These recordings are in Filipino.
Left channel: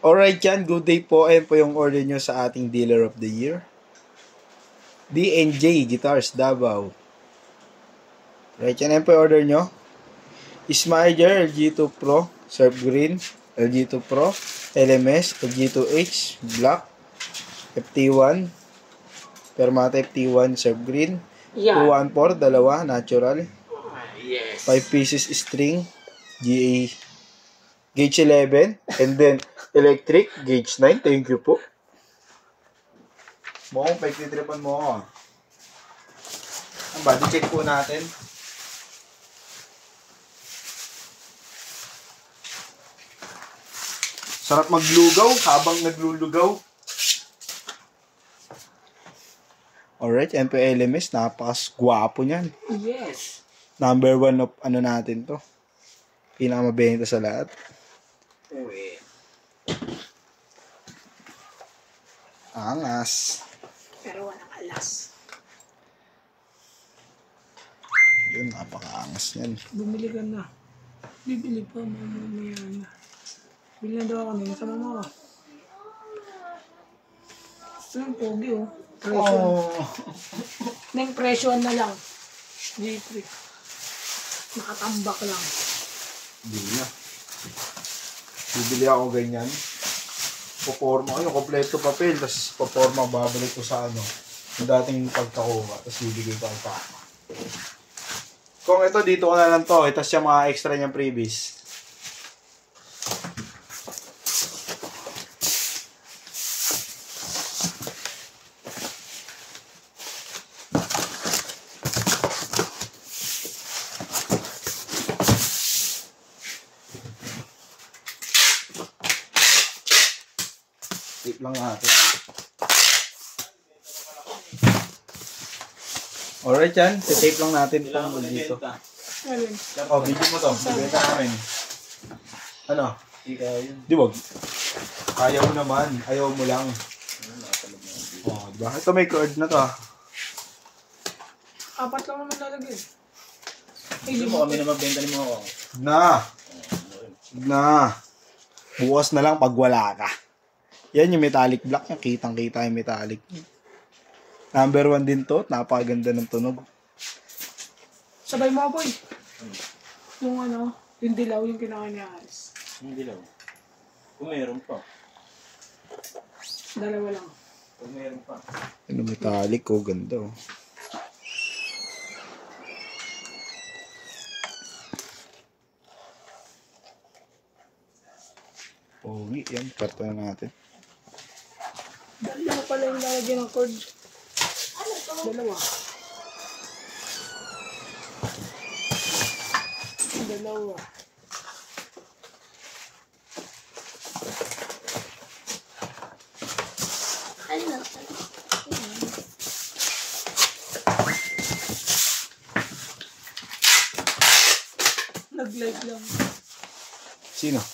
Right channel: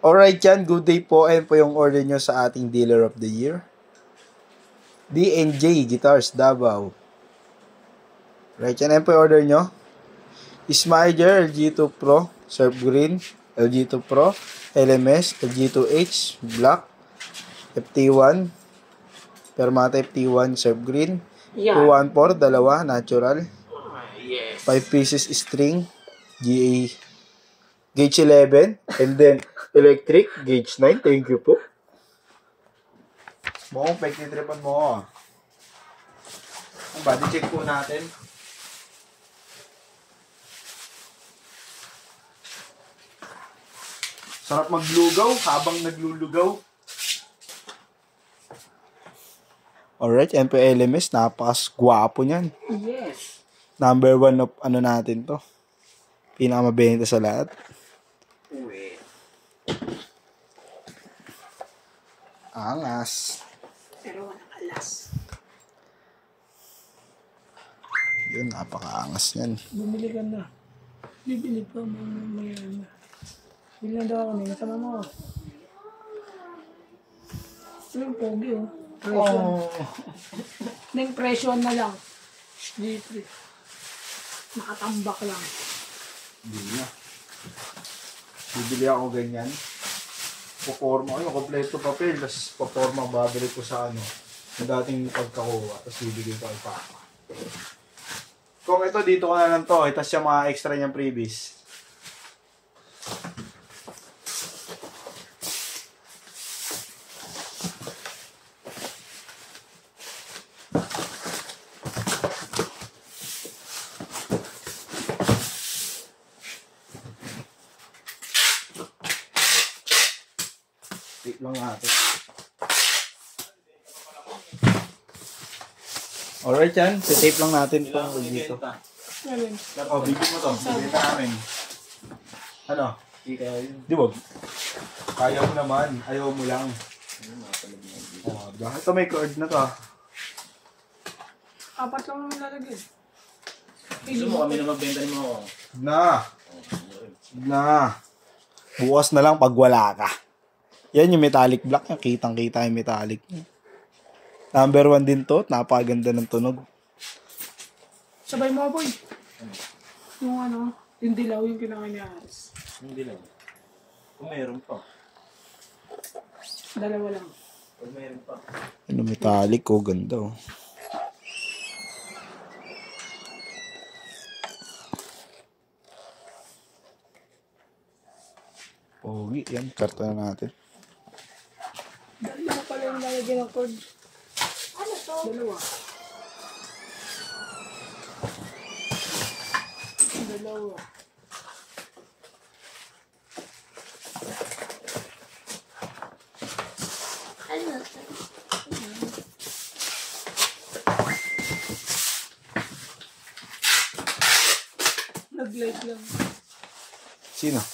Alright yan, good day po. Ayan po yung order nyo sa ating Dealer of the Year. D&J Guitars, Davao. Right yan, ayan po yung order nyo. Smiger, LG2 Pro, Surf Green, LG2 Pro, LMS, LG2H, Black, FT1, Permata FT1, Surf Green, 214, dalawa, natural. 5 pieces string, GA, gauge 11, and then electric, gauge 9. Thank you po. Mukhang pagtitripan mo ako. Ang body check po natin. Sarap maglugaw habang naglulugaw. Alright, yan po LMS. Napakasgwapo niyan. Yes. Number 1 of ano natin to. Pinakamabenta sa lahat. Uy. Angas. Pero walang alas. Yun, napakaangas yan. Bumili ka na. Bibili pa, mamaya na. Bili na daw ako nila sa mama ko. Ang pogi oh. Presyon. Oh. Neng presyon na lang. G3. Nakatambak lang. Hindi na. Bibili ako ganyan. Paporma ko yung kompleto papel. Tapos paporma babalik ko sa ano. Yung dating pagkakuha. Tapos bibigay ko ang papa. Kung ito dito ko na lang to. Tapos yung mga extra niyang freebies. Tip lang natin. Alright yan. Tape lang natin itong dito. Alin? Oh, video mo to. Bibenta namin. Ano? Di wag. Ayaw mo naman. Ayaw mo lang. Oh, diba? Ito may cord na to. 4 lang naman lalagay. Gusto mo kami na magbenta ni mo ako. Na. Bukas na lang pag wala ka. Yan yung metallic black niya. Kitang-kita yung metallic niya. Number 1 din to. Napakaganda ng tunog. Sabay mo boy. Yung ano, yung dilaw yung kinakain ni Aris. Hindi lang. Kung mayroon pa. Dalawa lang. Kung mayroon pa. Yung metallic oh. Ganda oh. Pogi. Yan. Karto na natin. Dalawa pala yung lalagyan ng cord. Dalawa. Dalawa. Nag-live lang. Sino?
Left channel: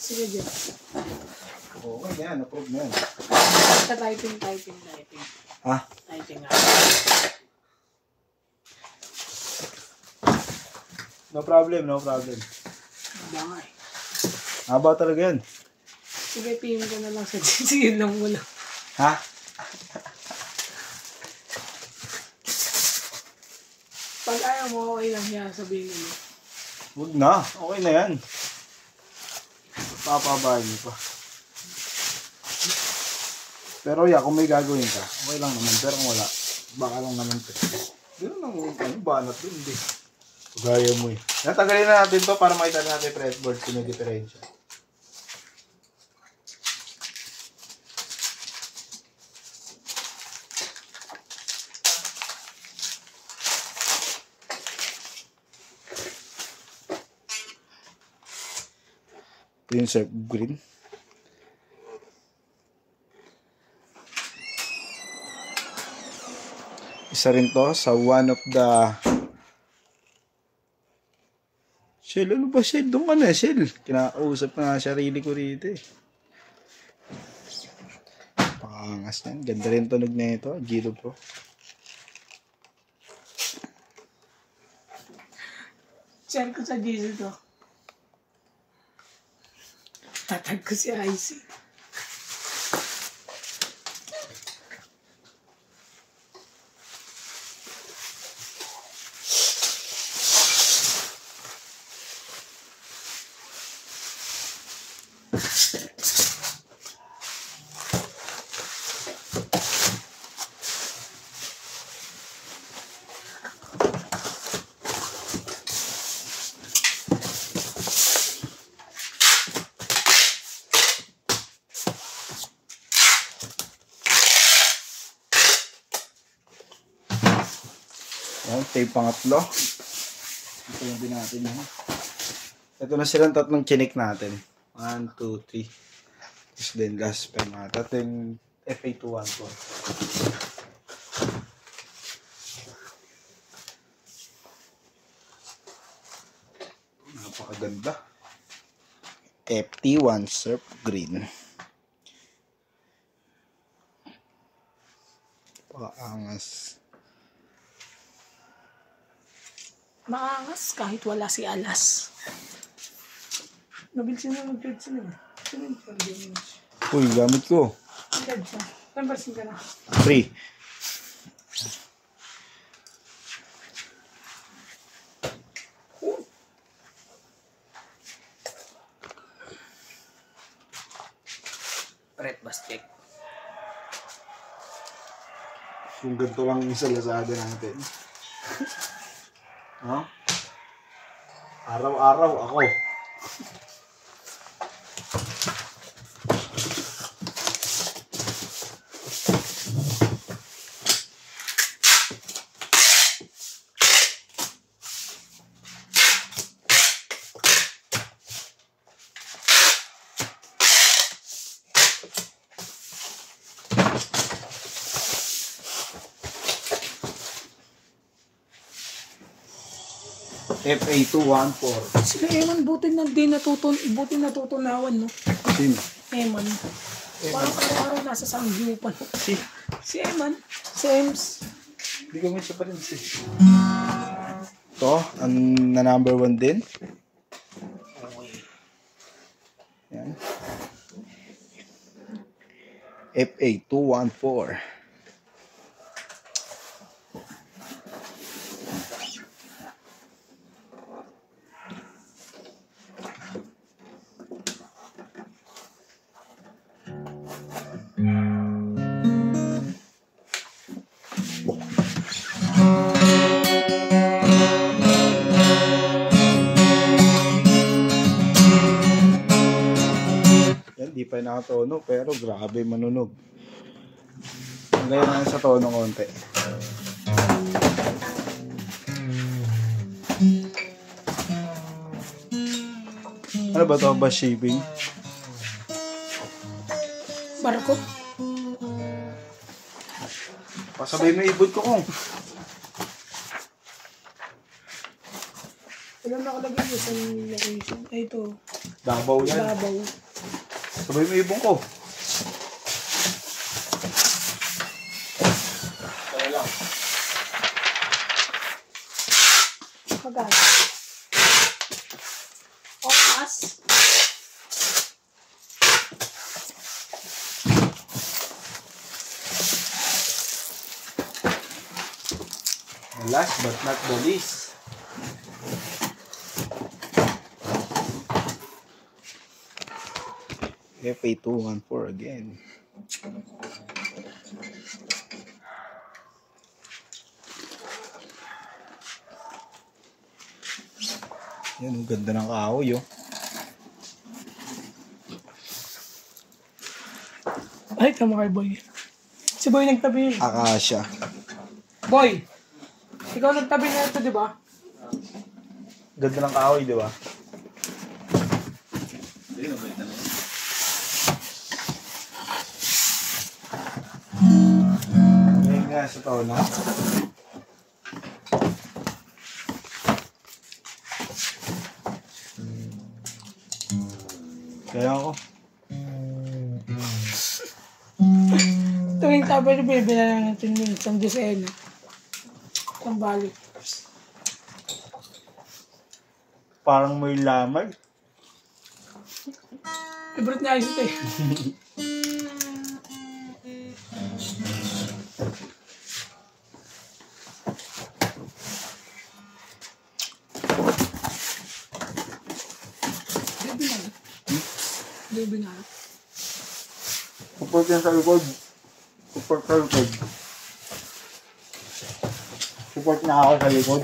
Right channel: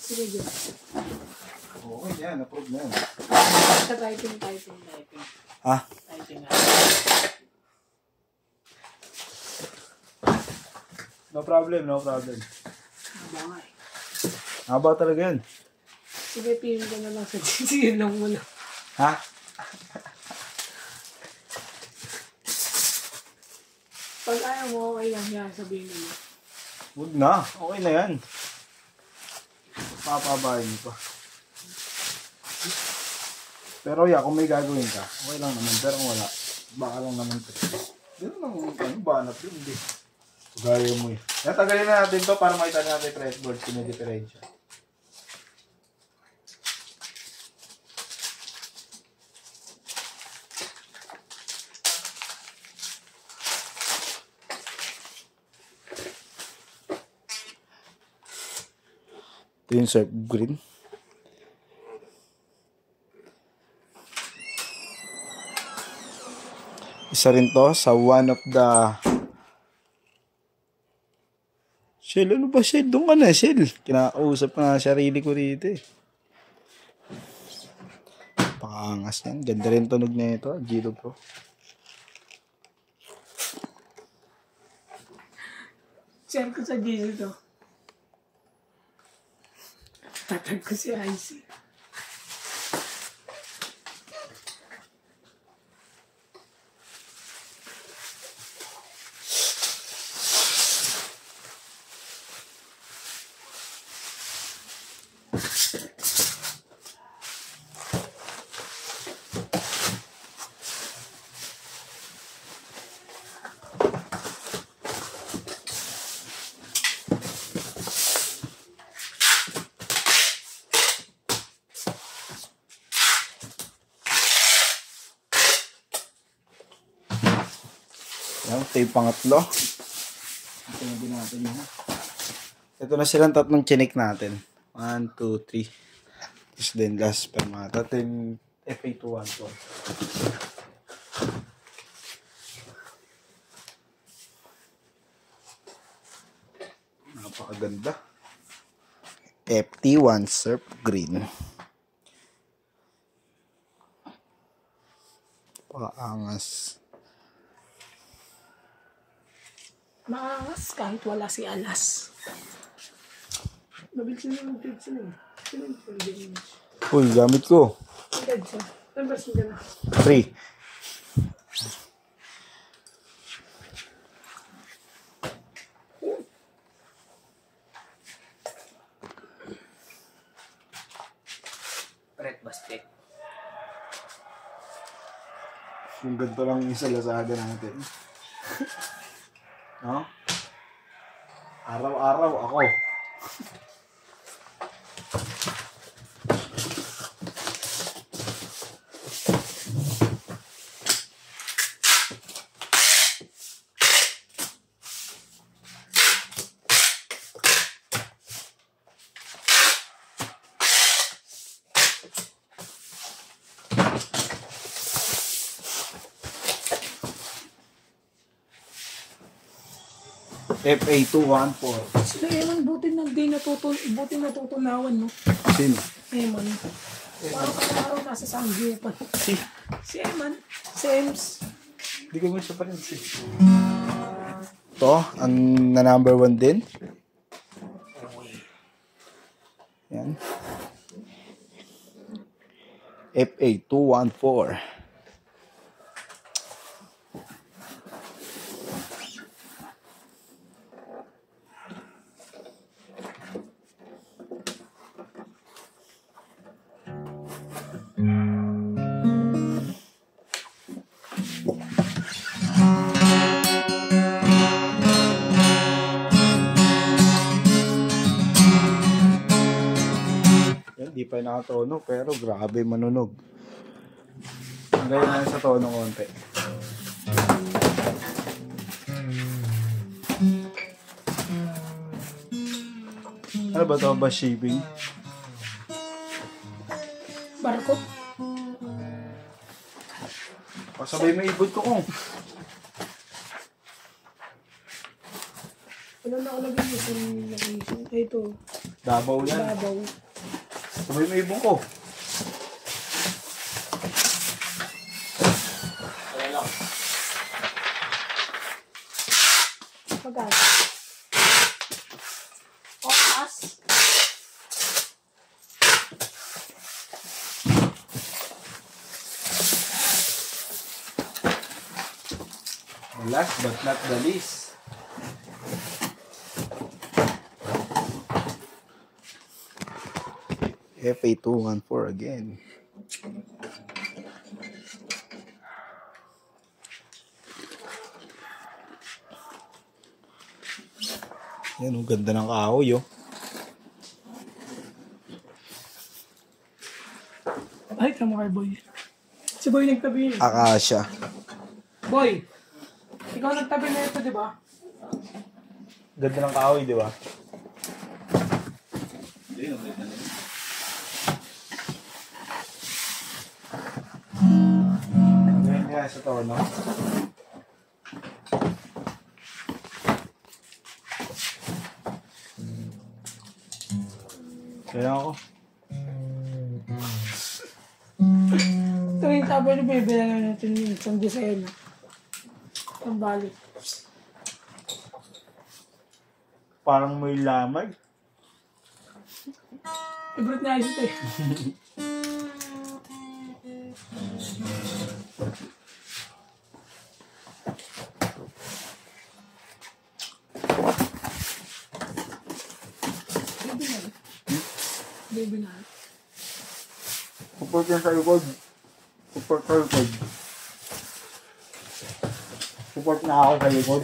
Sige dyan. Okay na yan. Approve na yan. Typing. Ha? Typing nga. No problem. No problem. Bangay. Haba talaga yan. Sige, PM ka na lang sa sige lang muna. Ha? Pag ayaw mo, okay lang yan, sabihin mo. Huwag na. Okay na yan. Papabahin niyo pa. Pero yeah, kung may gagawin ka, okay lang naman. Pero kung wala, baka lang naman. Ganun lang, ano, banat dun, hindi. Gaya mo eh. Natagalin na natin to para makita natin yung fretboard kung may diferensya. Ito yung surf green. Isa rin to sa one of the... Shell, ano ba Shell? Doon ka na Shell. Kinakausap na nga sarili ko rito eh. Pakangas yan. Ganda rin tunog na ito. Gito Pro. Share ko sa GC to. Tatag ko si Icy. Yan, ito yung pangatlo. Ito yung din natin yan. Ito na silang tatlong chinik natin. 1, 2, 3. Tapos then last pa mga. Ito yung FA214. Napakaganda. FT1 Surf Green. Paangas. Maangas kahit wala si Alas. Nabilisin na mag-feed sila. Sino yung pag-feed? Uy, gamit ko. Mag-feed siya. Nagbasin ka na. 3. Red basket. Kung ganito lang yung sa Lazada natin. No? Araw-araw ako. FA214. Si Eman, buti natutunawan, no? Sino? Eman. Parang araw nasa Sangyupan. Si Eman. Sems. Hindi kami siya pa rin si. Ito, ang na number 1 din. Yan. FA214. Yan, di pa nakatono pero grabe manunog. Hanggang na sa tono konti. Ano ba ito? Ba shipping? Barko. Pasabay mo ibod ko kung. Wala nakalagay yun sa location. Ay, ito. Dabaw yan. Babaw. Sabay mo ibon ko. Magkano? Opas. Last but not the least. FA214 again. Yan, ang ganda ng kahoy, oh. Ay, tama kay Boy. Si Boy nagtabi. Akasya. Boy! Ikaw nagtabi na ito, di ba? Ganda ng kahoy, di ba? Hindi na balitan na. Ngayon nga sa tono. Kaya ako. Tuwing tabi na bibili na natin yung isang dosena. Ang balik. Parang may lamay. Favorite niya ito eh. Baby na. Support yan sa likod. Support sa likod. Support na ako sa likod.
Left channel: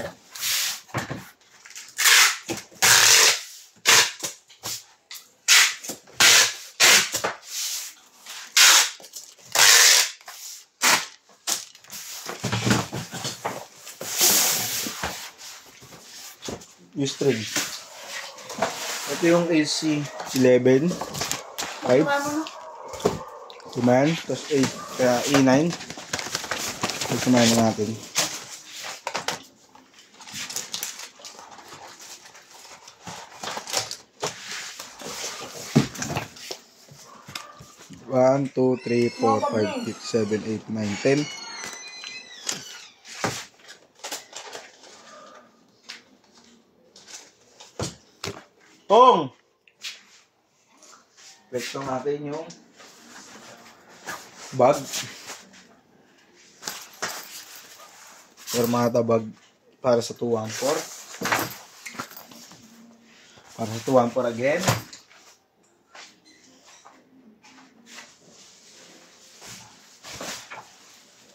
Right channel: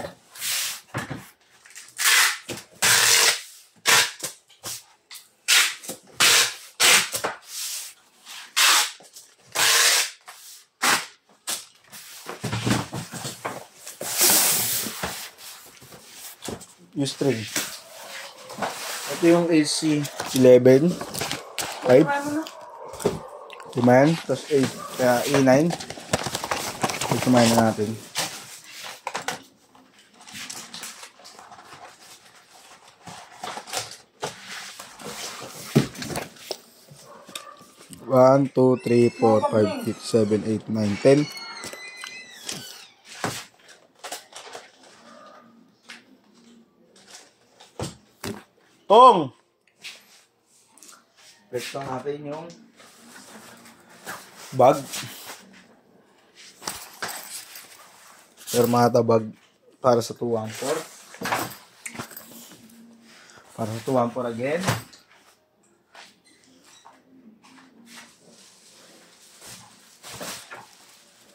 U-string. Ito yung AC11. 5. Lima yan. Tapos 8. Kaya E9. Kumain na natin. One, two, three, four, five, six, seven, 8, 9, 10. Pong! Flex lang natin yung bag. Permata bag para sa 214. Para sa 214 again.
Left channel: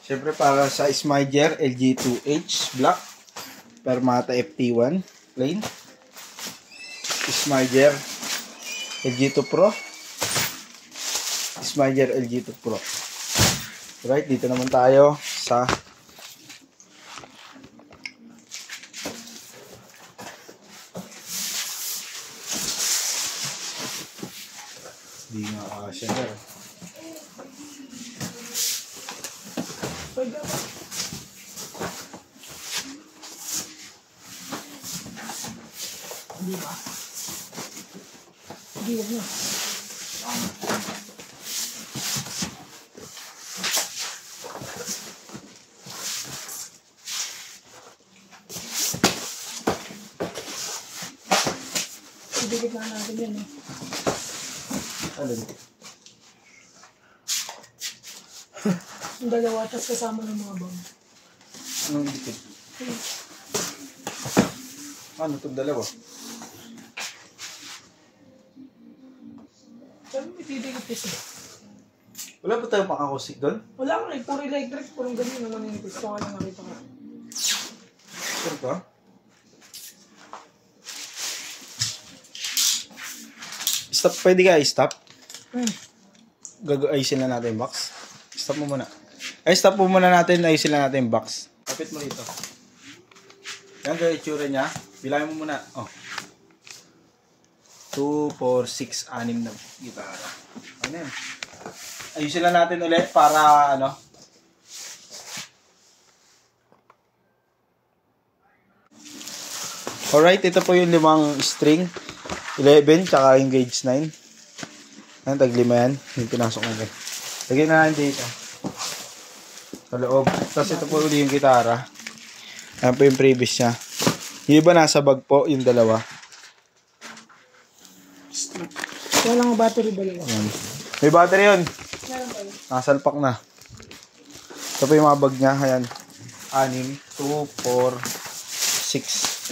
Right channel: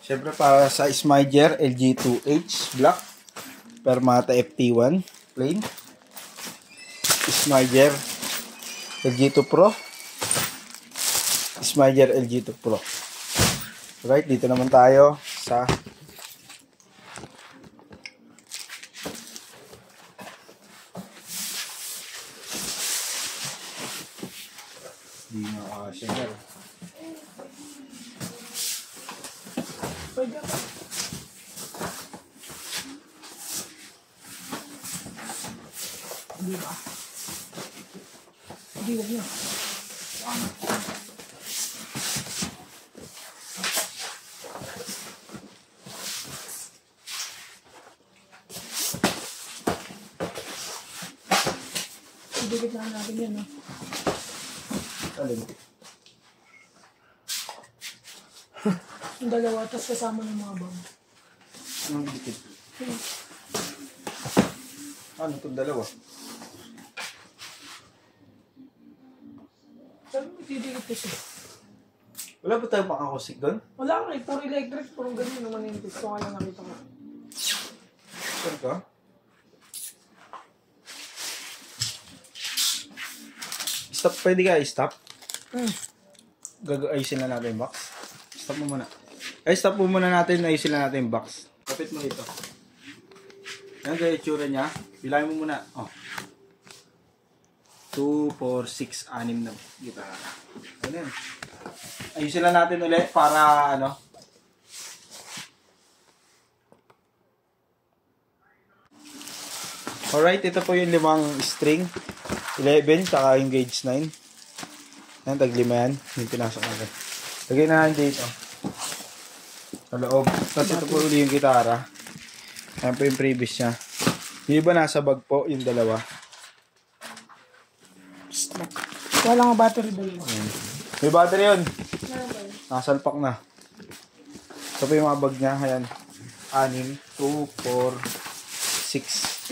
Siyempre para sa Smyger LG2H Black. Permata FT1 plain. Smyger LG2 Pro. Smyger LG2 Pro. Right, dito naman tayo sa di nga siya na. Pwede. Di ba? Di ba na? Idikit na natin yan, no? Alin? Yung dalawa, tas kasama ng mga bang. Anong dikit? Ano itong dalawa? Sabi mo, itidikit kasi. Wala ba tayong pang-acoustic doon? Wala ko, puro electric, puro ganyan naman yung gusto nga lang nakita ko. Sure ba? Stop, pwede ka i-stop? Ayusin na natin yung box. Stop mo muna. Ay, stop mo muna natin, ayusin na natin yung box. Kapit mo ito. Yan, ganyan itsura niya. Bilangin mo muna. Oh. 2, 4, 6, 6 na gitara. Ano yun? Ayusin lang natin ulit para ano. Alright, ito po yung 5 string. 11, tsaka yung gauge 9. Ayan, taglima yan. Yung pinasok natin. Lagyan na natin dito. Sa loob. Tapos ito po uli yung gitara. Ayan po yung previous niya. Yung iba nasa bag po, yung dalawa. Wala nga battery ba yun? Ayan. May battery yun. Meron ba yun? Nasalpak na. Ito po yung mga bag niya. Ayan. 6, 2, 4, 6.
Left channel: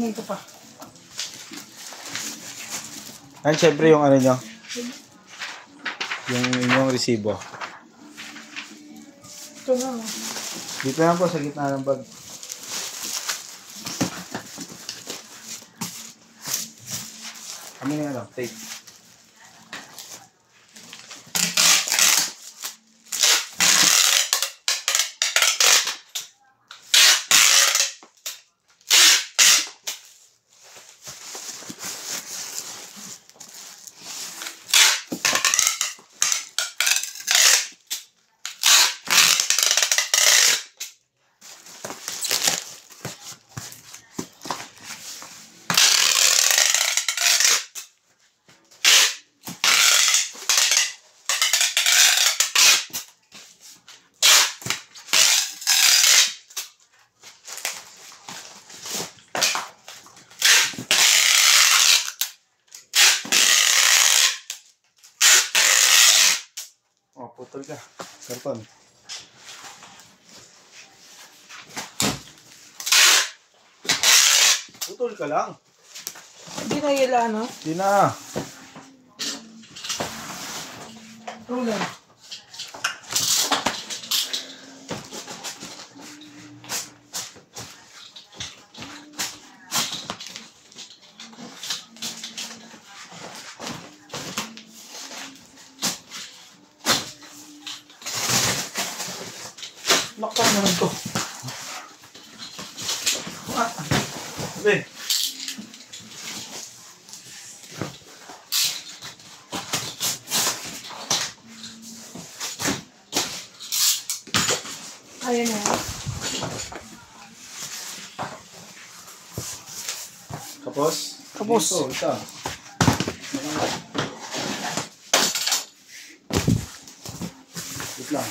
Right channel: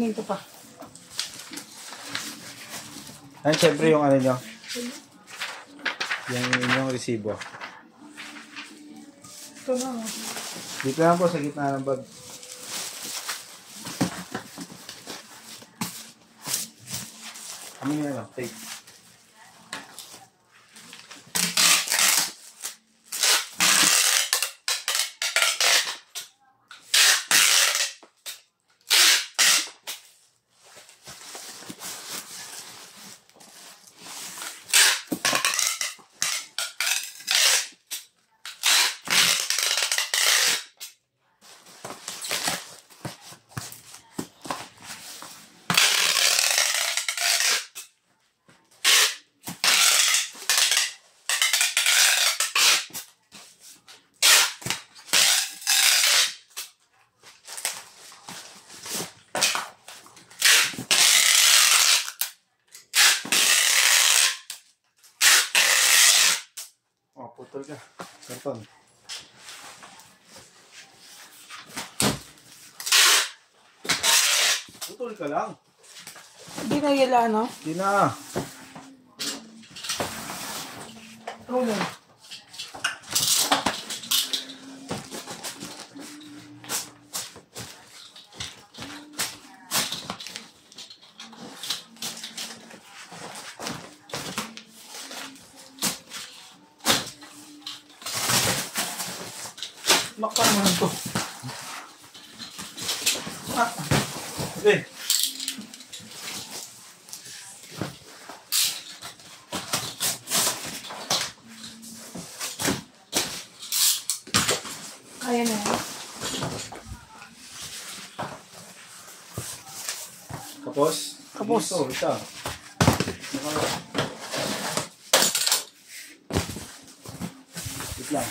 Ito pa. Ayan, syempre yung ano nyo. Yung inyong resibo. Ito na. Dito lang po sa gitna ng bag. Kami na lang, tape. Putol ka. Karton. Putol ka lang. Hindi na yela, no? Di na. Ruler. Nakpan mo rin to. Sabi. Ayan na yan. Kapos? Kapos. Ito, ito. Wait lang.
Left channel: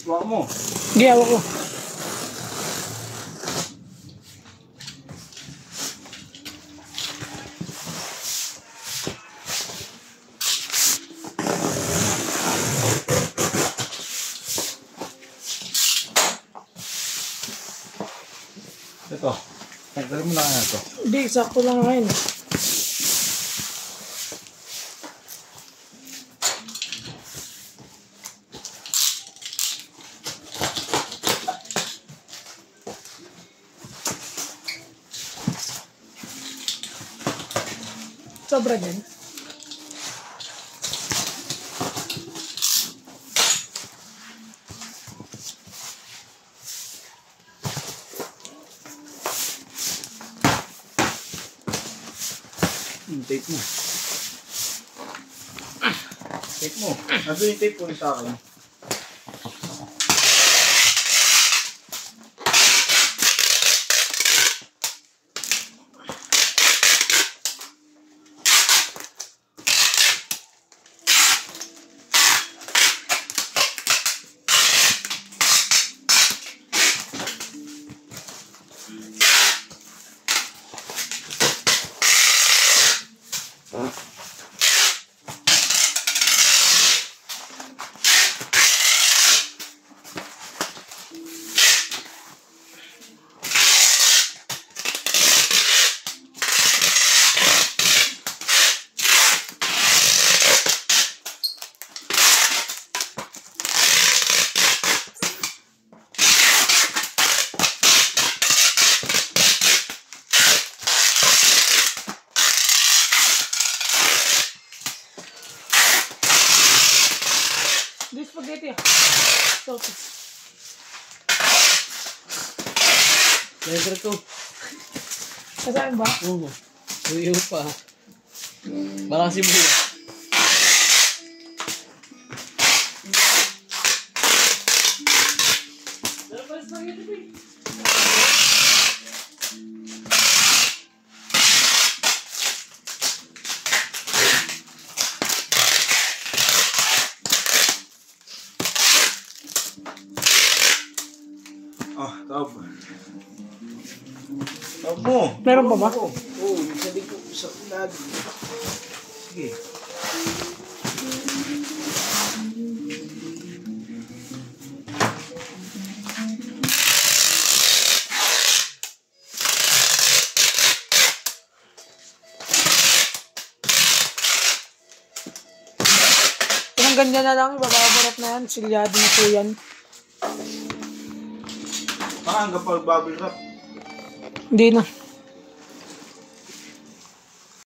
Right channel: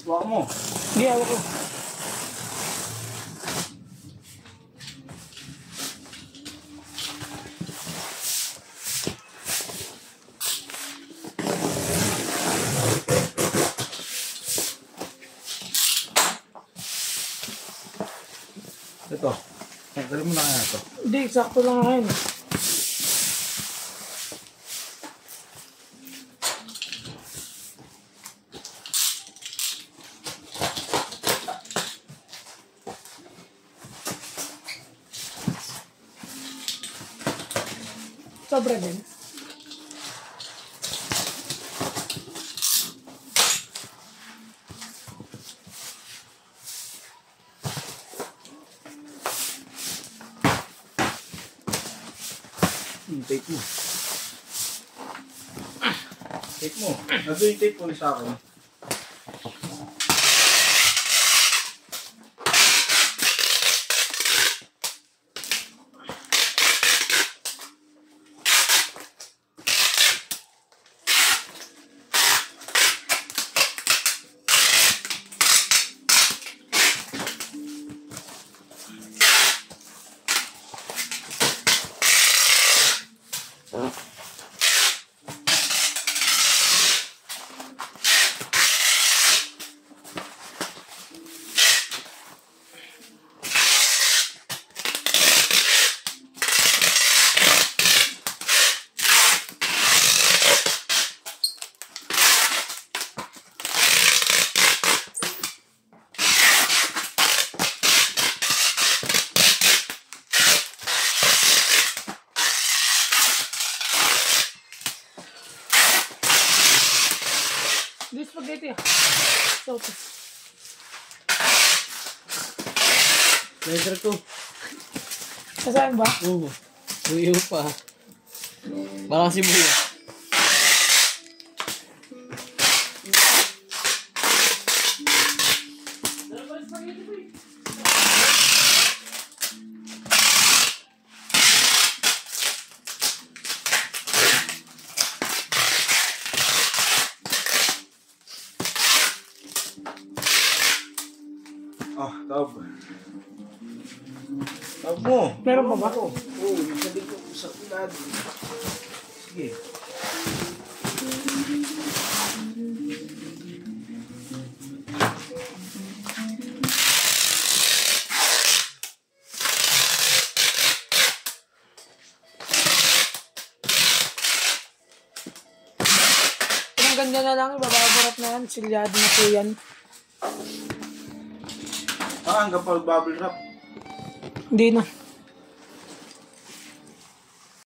Suwak mo. Hindi, ako ko. Ito. Tanggalin mo na kaya ito. Hindi, sakto lang ngayon. Sobra din. Tape mo. Tape mo. Nandun yung tape mo sa akin. Di spaghetti. Sauce. Laser ko. Sasaan ba? Oo. Uyo pa. Baka si Buya. Ah, tawag. Tawag mo. Meron pa ba? Oo, yung sabi ko sa ulag. Sige. Kung ganyan na lang, ibababarap na yan. Silyado na po yan. Hanggang pag bubble wrap. Hindi na.